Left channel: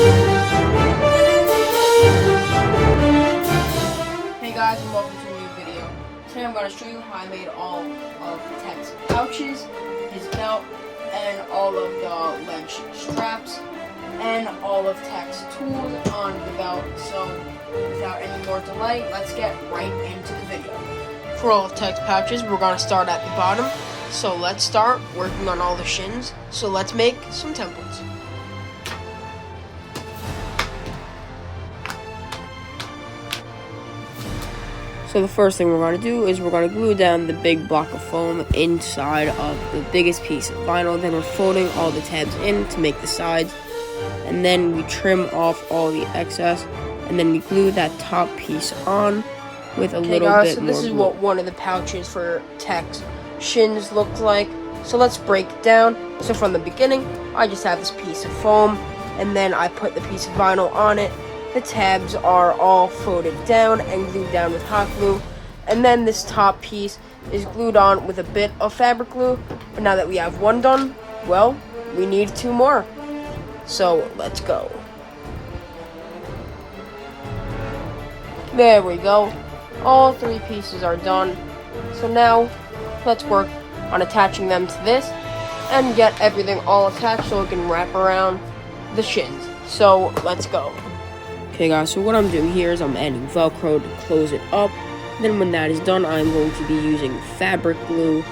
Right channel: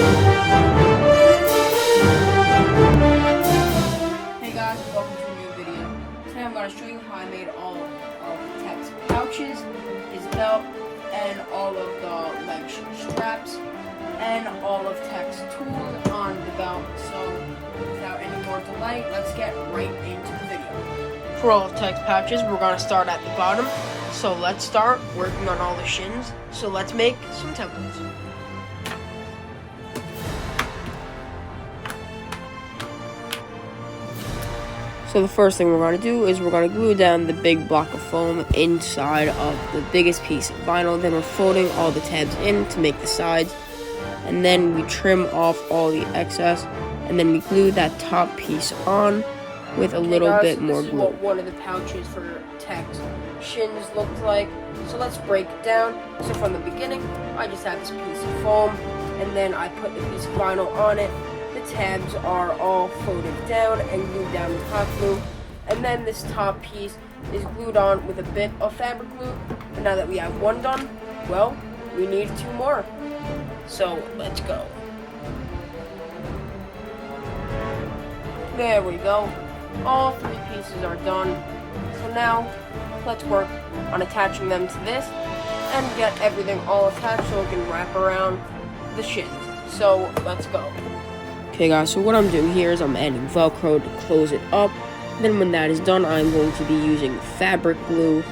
Hey guys, and welcome to a new video. Today I'm going to show you how I made all of Tech's pouches, his belt, and all of the leg straps, and all of Tech's tools on the belt. So without any more delay, let's get right into the video. For all of Tech's pouches, we're going to start at the bottom. So let's start working on all the shins. So let's make some templates. So the first thing we're going to do is we're going to glue down the big block of foam inside of the biggest piece of vinyl. Then we're folding all the tabs in to make the sides. And then we trim off all the excess. And then we glue that top piece on with a little bit more glue. This is what one of the pouches for Tech's shins looked like. So let's break it down. So from the beginning, I just have this piece of foam. And then I put the piece of vinyl on it. The tabs are all folded down and glued down with hot glue. And then this top piece is glued on with a bit of fabric glue. But now that we have one done, well, we need two more. So let's go. There we go. All three pieces are done. So now let's work on attaching them to this and get everything all attached so it can wrap around the shins. So let's go. Okay guys, so what I'm doing here is I'm adding Velcro to close it up. Then when that is done, I'm going to be using fabric glue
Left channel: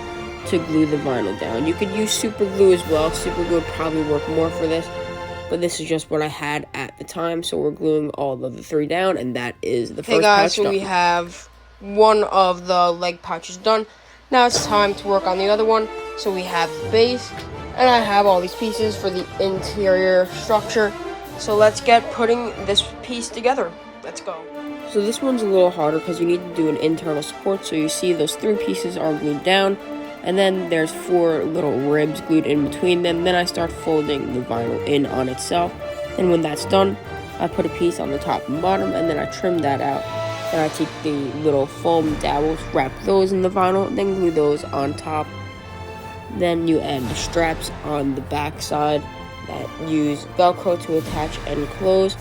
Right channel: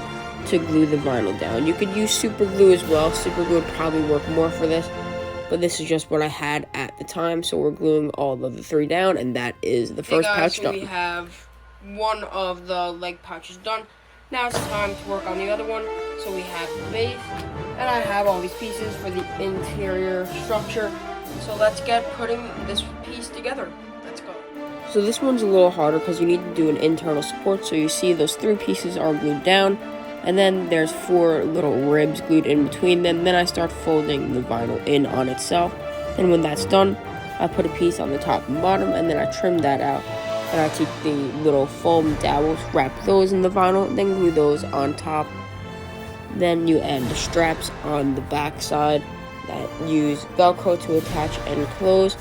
to glue the vinyl down. You could use super glue as well. Super glue would probably work more for this, but this is just what I had at the time. So we're gluing all of the three down, and that is the first pouch done. We have one of the leg pouches done. Now it's time to work on the other one. So we have the base, and I have all these pieces for the interior structure. So let's get putting this piece together. Let's go. So this one's a little harder because you need to do an internal support. So you see those three pieces are glued down, and then there's four little ribs glued in between them. Then I start folding the vinyl in on itself. Then when that's done, I put a piece on the top and bottom, and then I trim that out. Then I take the little foam dowels, wrap those in the vinyl, then glue those on top. Then you add the straps on the back side that use Velcro to attach and close.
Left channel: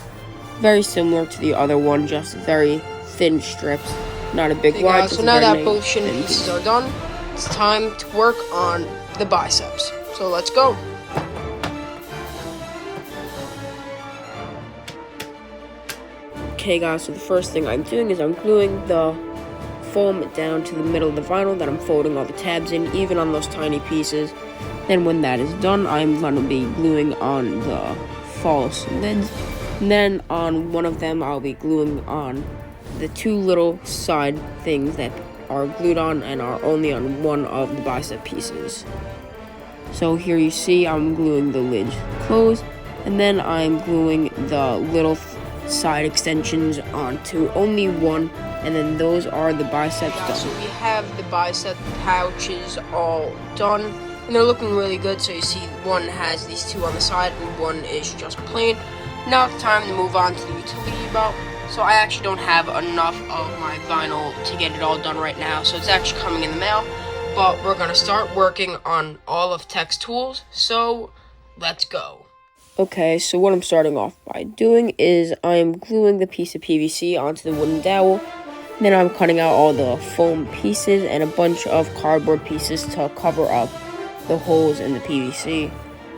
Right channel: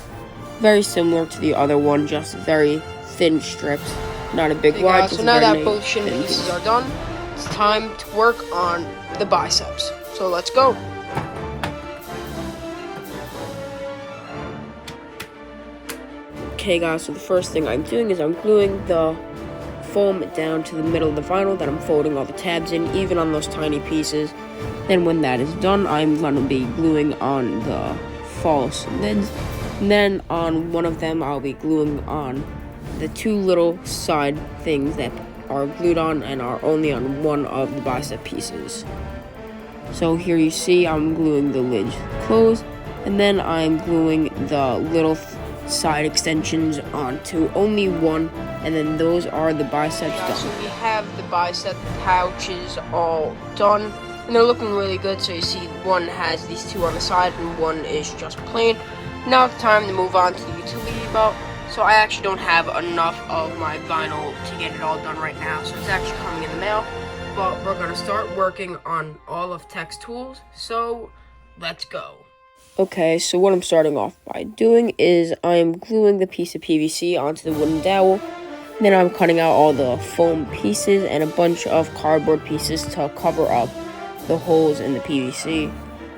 Very similar to the other one, just very thin strips, not a big wide. So now that both shin pieces are done, it's time to work on the biceps. So let's go. Okay guys, so the first thing I'm doing is I'm gluing the foam down to the middle of the vinyl that I'm folding all the tabs in, even on those tiny pieces. Then when that is done, I'm going to be gluing on the false lids. And then on one of them, I'll be gluing on the two little side things that are glued on and are only on one of the bicep pieces. So here you see I'm gluing the lids closed, and then I'm gluing the little side extensions onto only one, and then those are the biceps done. So we have the bicep pouches all done. And they're looking really good. So you see one has these two on the side and one is just plain. Now it's time to move on to the utility belt. So I actually don't have enough of my vinyl to get it all done right now. So it's actually coming in the mail. But we're going to start working on all of Tech's tools. So let's go. Okay, so what I'm starting off by doing is I'm gluing the piece of PVC onto the wooden dowel. Then I'm cutting out all the foam pieces and a bunch of cardboard pieces to cover up the holes in the PVC.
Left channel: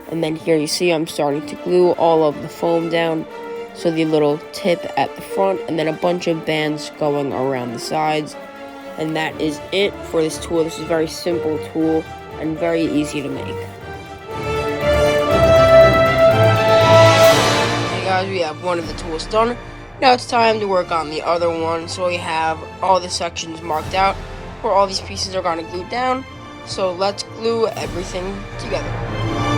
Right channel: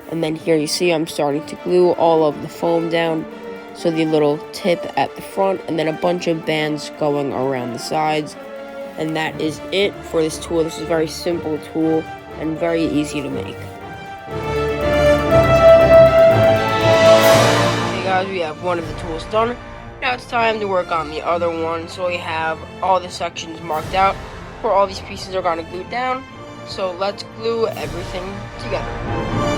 And then here you see I'm starting to glue all of the foam down, so the little tip at the front, and then a bunch of bands going around the sides. And that is it for this tool. This is a very simple tool and very easy to make. Okay guys, we have one of the tools done. Now it's time to work on the other one. So we have all the sections marked out where all these pieces are going to glue down. So let's glue everything together.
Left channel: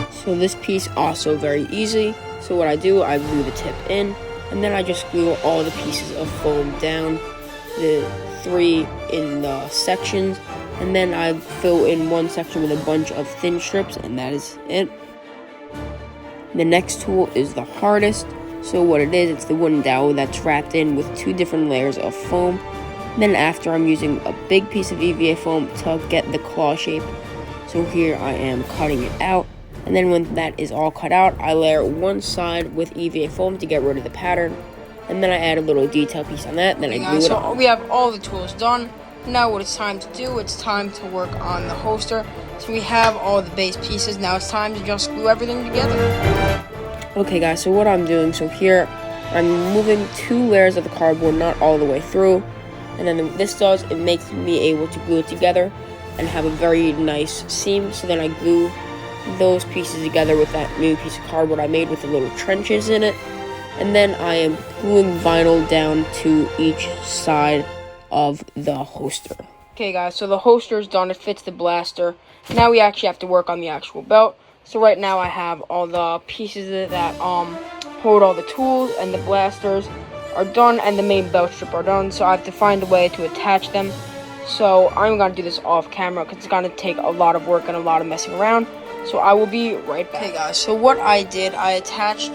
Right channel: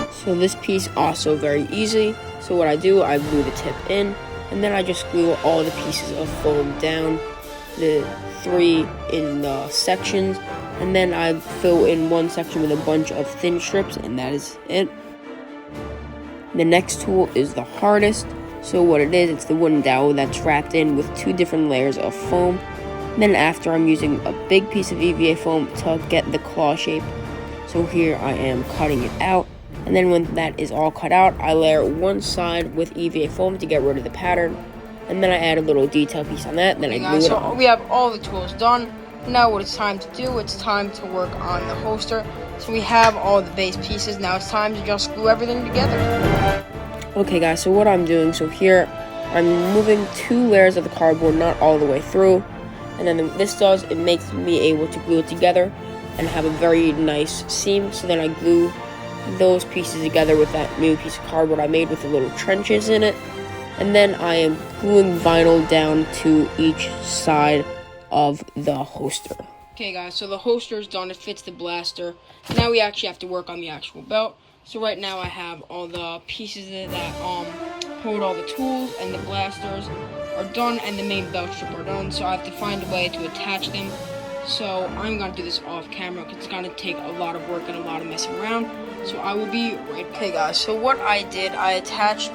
So this piece also very easy. So what I do, I glue the tip in, and then I just glue all the pieces of foam down, the three in the sections, and then I fill in one section with a bunch of thin strips, and that is it. The next tool is the hardest. So what it is, it's the wooden dowel that's wrapped in with two different layers of foam. Then after, I'm using a big piece of EVA foam to get the claw shape. So here I am cutting it out. And then when that is all cut out, I layer one side with EVA foam to get rid of the pattern. And then I add a little detail piece on that, then I glue it on. We have all the tools done. Now what it's time to do, it's time to work on the holster. So we have all the base pieces. Now it's time to just glue everything together. Okay guys, so what I'm doing, so here I'm removing 2 layers of the cardboard, not all the way through. And then it makes me able to glue it together and have a very nice seam. So then I glue those pieces together with that new piece of cardboard I made with the little trenches in it. And then I am gluing vinyl down to each side of the holster. Okay guys, so the holster is done. It fits the blaster. Now we actually have to work on the actual belt. So right now I have all the pieces that hold all the tools, and the blasters are done, and the main belt strip are done. So I have to find a way to attach them. So I'm going to do this off camera because it's going to take a lot of work and a lot of messing around. So I will be right back. Okay guys, so what I did, I attached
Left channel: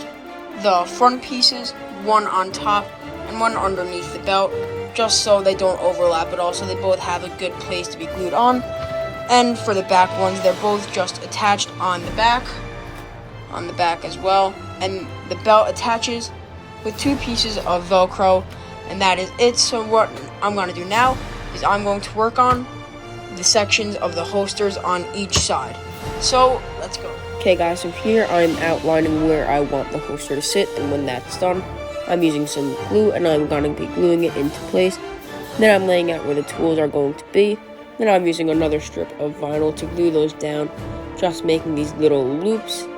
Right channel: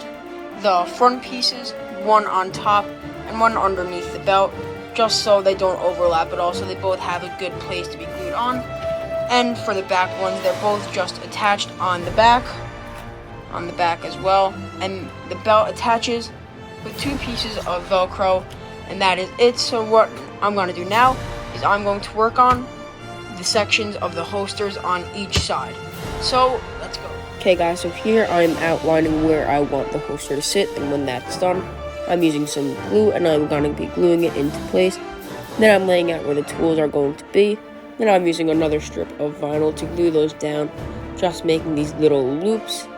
the front pieces, one on top and one underneath the belt, just so they don't overlap at all, so they both have a good place to be glued on. And for the back ones, they're both just attached on the back as well. And the belt attaches with 2 pieces of Velcro, and that is it. So what I'm going to do now is I'm going to work on the sections of the holsters on each side. So let's go. Okay guys, so here I'm outlining where I want the holster to sit, and when that's done, I'm using some glue and I'm going to be gluing it into place. Then I'm laying out where the tools are going to be. Then I'm using another strip of vinyl to glue those down, just making these little loops.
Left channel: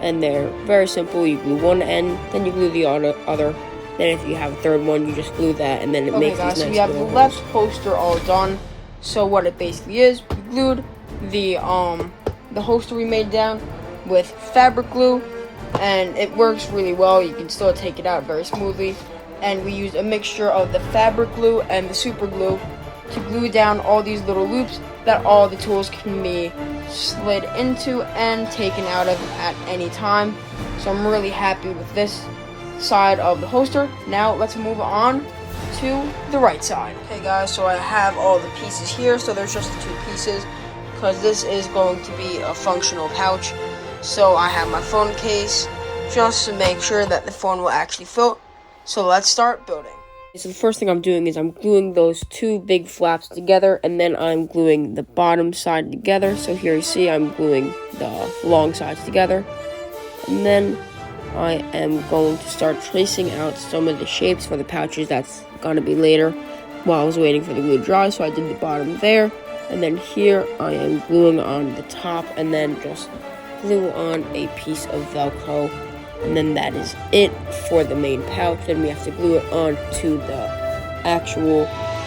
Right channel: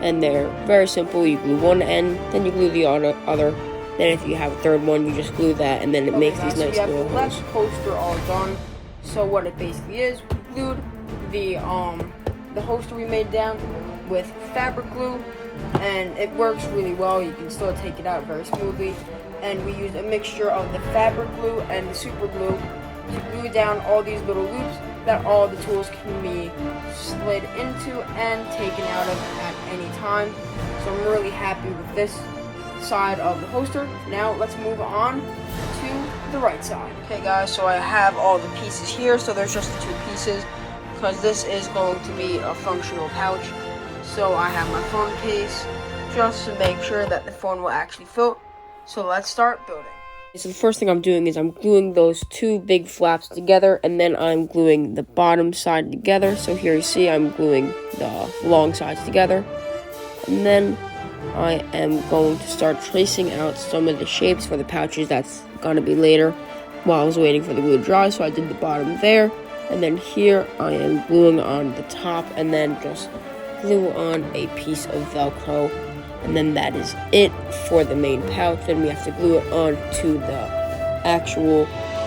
And they're very simple. You glue one end, then you glue the other. Then if you have a third one, you just glue that, and then it makes these nice little holes. We have the left holster all done. So what it basically is, we glued the holster we made down with fabric glue, and it works really well. You can still take it out very smoothly. And we used a mixture of the fabric glue and the super glue to glue down all these little loops that all the tools can be slid into and taken out of at any time. So I'm really happy with this side of the holster. Now let's move on to the right side. Okay guys, so I have all the pieces here. So there's just the 2 pieces because this is going to be a functional pouch. So I have my phone case just to make sure that the phone will actually fit. So let's start building. So the first thing I'm doing is I'm gluing those 2 big flaps together, and then I'm gluing the bottom side together. So here you see I'm gluing the long sides together. And then I am going to start tracing out some of the shapes for the pouches. That's going to be later while I was waiting for the glue to dry. So I did the bottom there. And then here I am gluing on the top, and then just glue on a piece of Velcro. And then that is it for the main pouch. Then we have to glue it onto the actual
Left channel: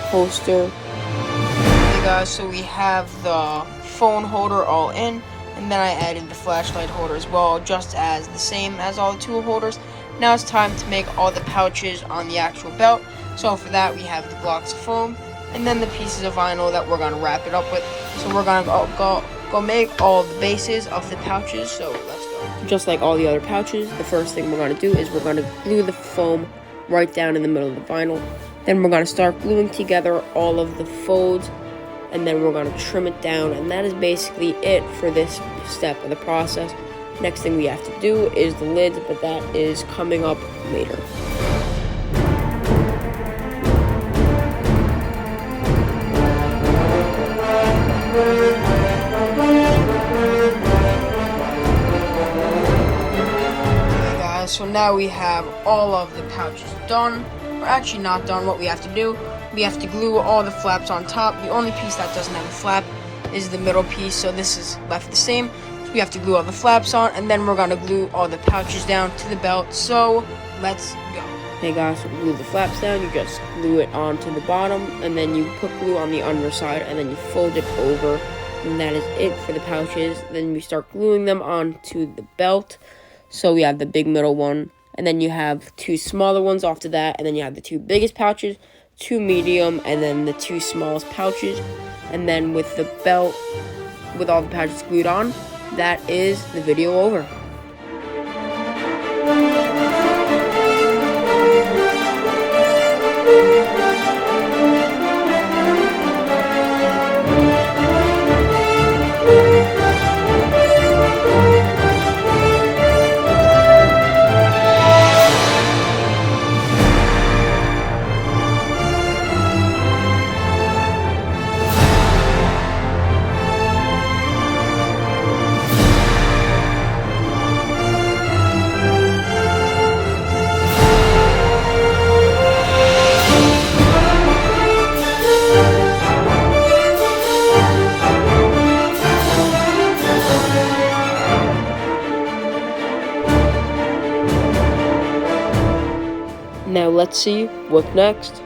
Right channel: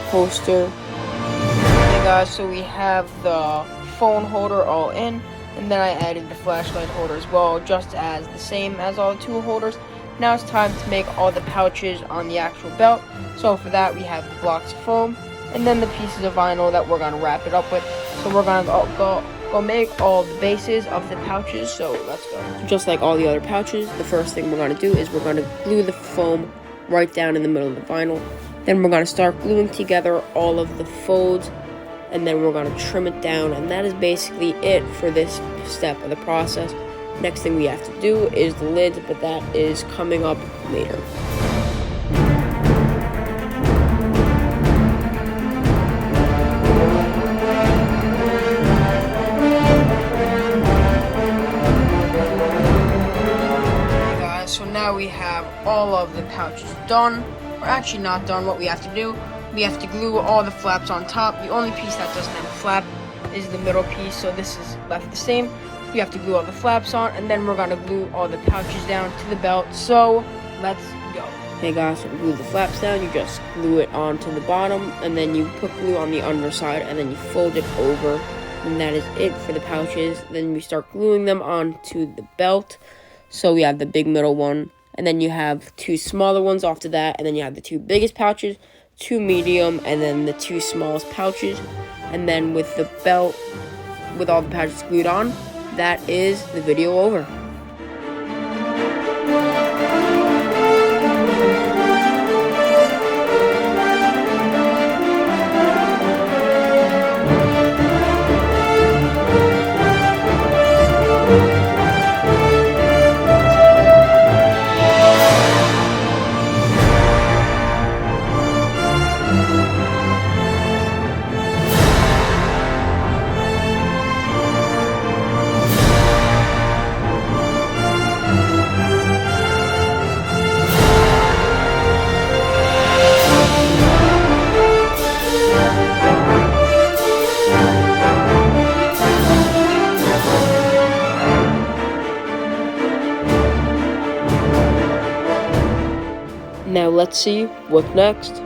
holster. Okay guys, so we have the phone holder all in, and then I added the flashlight holder as well, just as the same as all the tool holders. Now it's time to make all the pouches on the actual belt. So for that we have the blocks of foam and then the pieces of vinyl that we're going to wrap it up with. So we're going to go make all the bases of the pouches. So let's go. Just like all the other pouches, the first thing we're going to do is we're going to glue the foam right down in the middle of the vinyl. Then we're going to start gluing together all of the folds, and then we're going to trim it down, and that is basically it for this step of the process. Next thing we have to do is the lid, but that is coming up later. So now we have all of the pouches done. We're actually not done. What we have to do, we have to glue all the flaps on top. The only piece that doesn't have a flap is the middle piece, so this is left the same. So we have to glue all the flaps on, and then we're going to glue all the pouches down to the belt. So let's go. Hey guys, so to glue the flaps down, you just glue it onto the bottom, and then you put glue on the underside, and then you fold it over, and that is it for the pouches. Then we start gluing them onto the belt. So we have the big middle one, and then you have 2 smaller ones after that, and then you have the 2 biggest pouches, 2 medium, and then the 2 smallest pouches. And then with the belt, with all the pouches glued on, that is the video over. Now let's see what's next.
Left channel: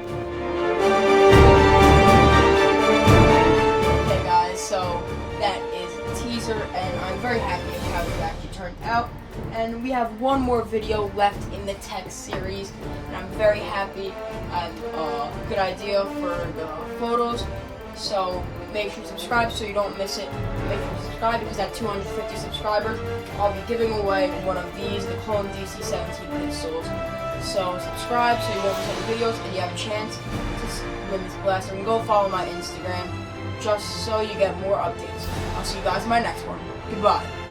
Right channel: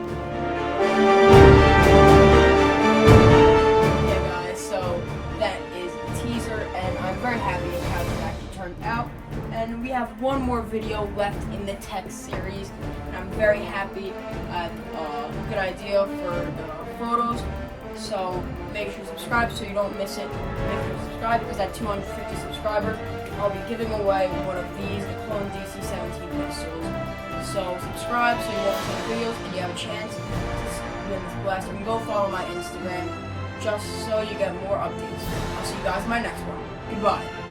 Okay guys, so that is a teaser and I'm very happy with how this actually turned out. And we have one more video left in the tech series and I'm very happy. I have a good idea for the photos. So make sure to subscribe so you don't miss it. Make sure to subscribe because at 250 subscribers, I'll be giving away one of these, the Clone DC-17 pistols. So subscribe so you don't miss any videos and you have a chance to win this blaster. And go follow my Instagram just so you get more updates. I'll see you guys in my next one. Goodbye.